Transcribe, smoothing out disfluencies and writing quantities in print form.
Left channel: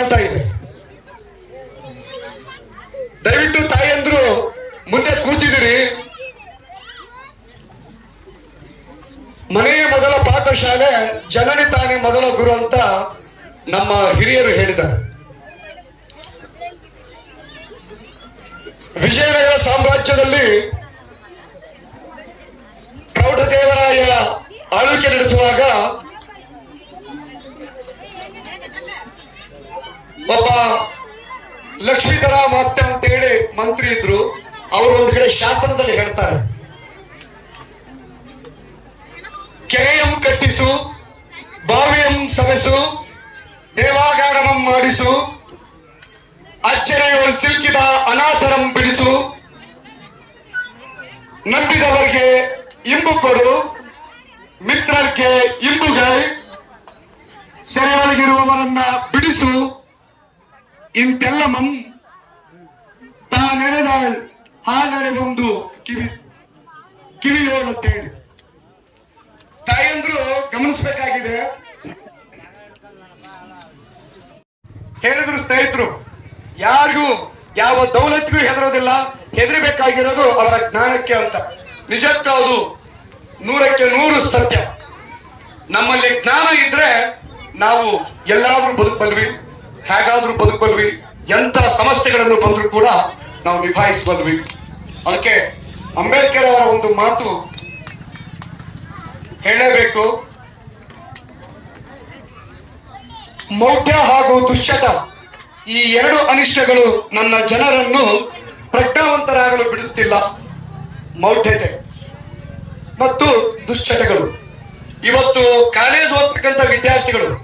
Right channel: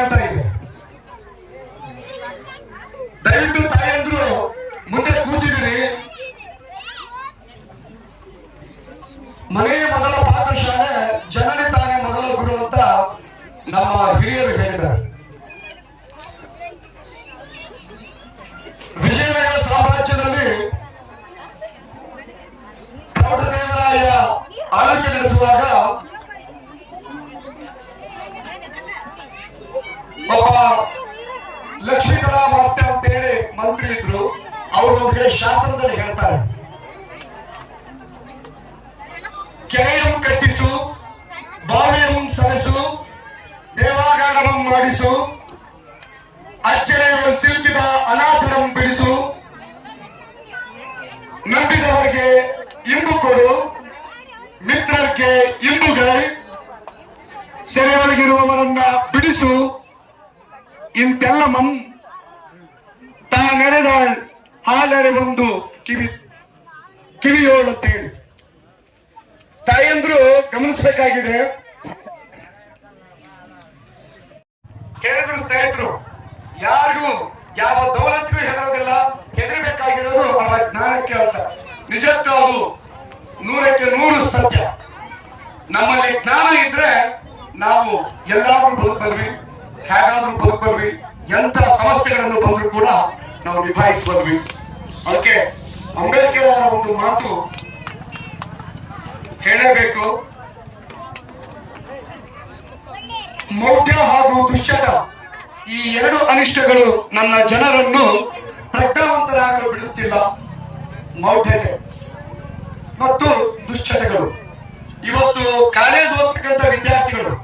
ಅಂತ ಇದೆ. ದಯವಿಟ್ಟು ತಾಯಂದ್ರು ಮುಂದೆ ಕೂತಿದ್ದೀರಿ. ಮನೆಯ ಮೊದಲ ಪಾಠಶಾಲೆ ಜನನಿ ತಾನೇ ಮೊದಲ ಗುರು ಅಂತ ನಮ್ಮ ಹಿರಿಯರು ಹೇಳಿದ್ದಾರೆ. ವಿಜಯನಗರ ಸಾಮ್ರಾಜ್ಯದಲ್ಲಿ ಪ್ರೌಢದೇವರಾಯ ಆಳ್ವಿಕೆ ನಡೆಸುವಾಗ ಒಬ್ಬ ಲಕ್ಷ್ಮೀಧರ ಮಾತ್ಯ ಅಂತ ಹೇಳಿ ಮಂತ್ರಿ ಇದ್ರು. ಅವರು ಒಂದು ಕಡೆ ಶಾಸನದಲ್ಲಿ ಹೇಳ್ತಾರೆ, ಕೆರೆಯಂ ಕಟ್ಟಿಸು, ಬಾವಿಯಂ ಸವೆಸು, ದೇವಾಗಾರಂ ಮಾಡಿಸು, ಅಜ್ಜನೆಯ ಸಿಲುಕಿದ ಅನಾಥರಂ ಬಿಡಿಸು, ನಂಬಿದವರಿಗೆ ಇಂಬು ಕೊಡು, ಮಿತ್ರರಿಗೆ ಇಂಬುಗೈ, ಸೆರೆಯೊಳಗಿರುವವರನ್ನ ಬಿಡಿಸು, ಇಂತೆಲ್ಲ ತಾನೆರೆದ ಹಾಲೆರೆ ಒಂದು ಕಿವಿಯೋಳುತ್ತೇನೆ. ತಾಯಂದ್ರು ಗಮನಿಸಬೇಕಾಗಿದೆ. ಹೇಳಿದ್ರು ಸ್ನೇಹಿತರು, ಯಾರಿಗೂ ಯಾವ ದೌಲತ್ಗೂ ಹೆದರೋದಿಲ್ಲ, ಹೆದರಬೇಕಾಗಿರೋದು ಅವರ ಜ್ಞಾನಕ್ಕೆ ಅಂತ. ನಿಜಕ್ಕೂ ಅದು 100ಕ್ಕೆ 100 ಸತ್ಯ. ನಮ್ಮಲ್ಲಿ ಜ್ಞಾನ ಇದ್ರೆ ನಾವು ಎಲ್ಲಾದ್ರೂ ಬದುಕಬಲ್ವಿ, ಹೇಗಾದ್ರೂ ಬದುಕಬಲ್ವಿ, ಎಂತ ಸಮಸ್ಯೆಗಳನ್ನು ಬಂದರೂ ಕೂಡ ನಾವು ನಿಭಾಯಿಸಬಲ್ವಿ. ಅದಕ್ಕೆ ಅಂಬೇಡ್ಕರ್ ಅವರ ಒಂದು ಮಾತು ಹೇಳಬೇಕು. ಮೌಢ್ಯ ಹಾಗೂ ದುಶ್ಚಟ, ಈ 2 ಅನಿಷ್ಟಗಳು ನನ್ನ ಜನರನ್ನು ಪ್ರಜ್ಞಾವಂತರಾಗಲು ಬಿಡುತ್ತಿಲ್ಲ. ಮೌಢ್ಯತೆ ಮತ್ತು ದುಶ್ಚಟಗಳು. ಇವತ್ತು ಕಾಲೇಜ್ ಓದ್ತಕ್ಕಂಥ ವಿದ್ಯಾರ್ಥಿಗಳು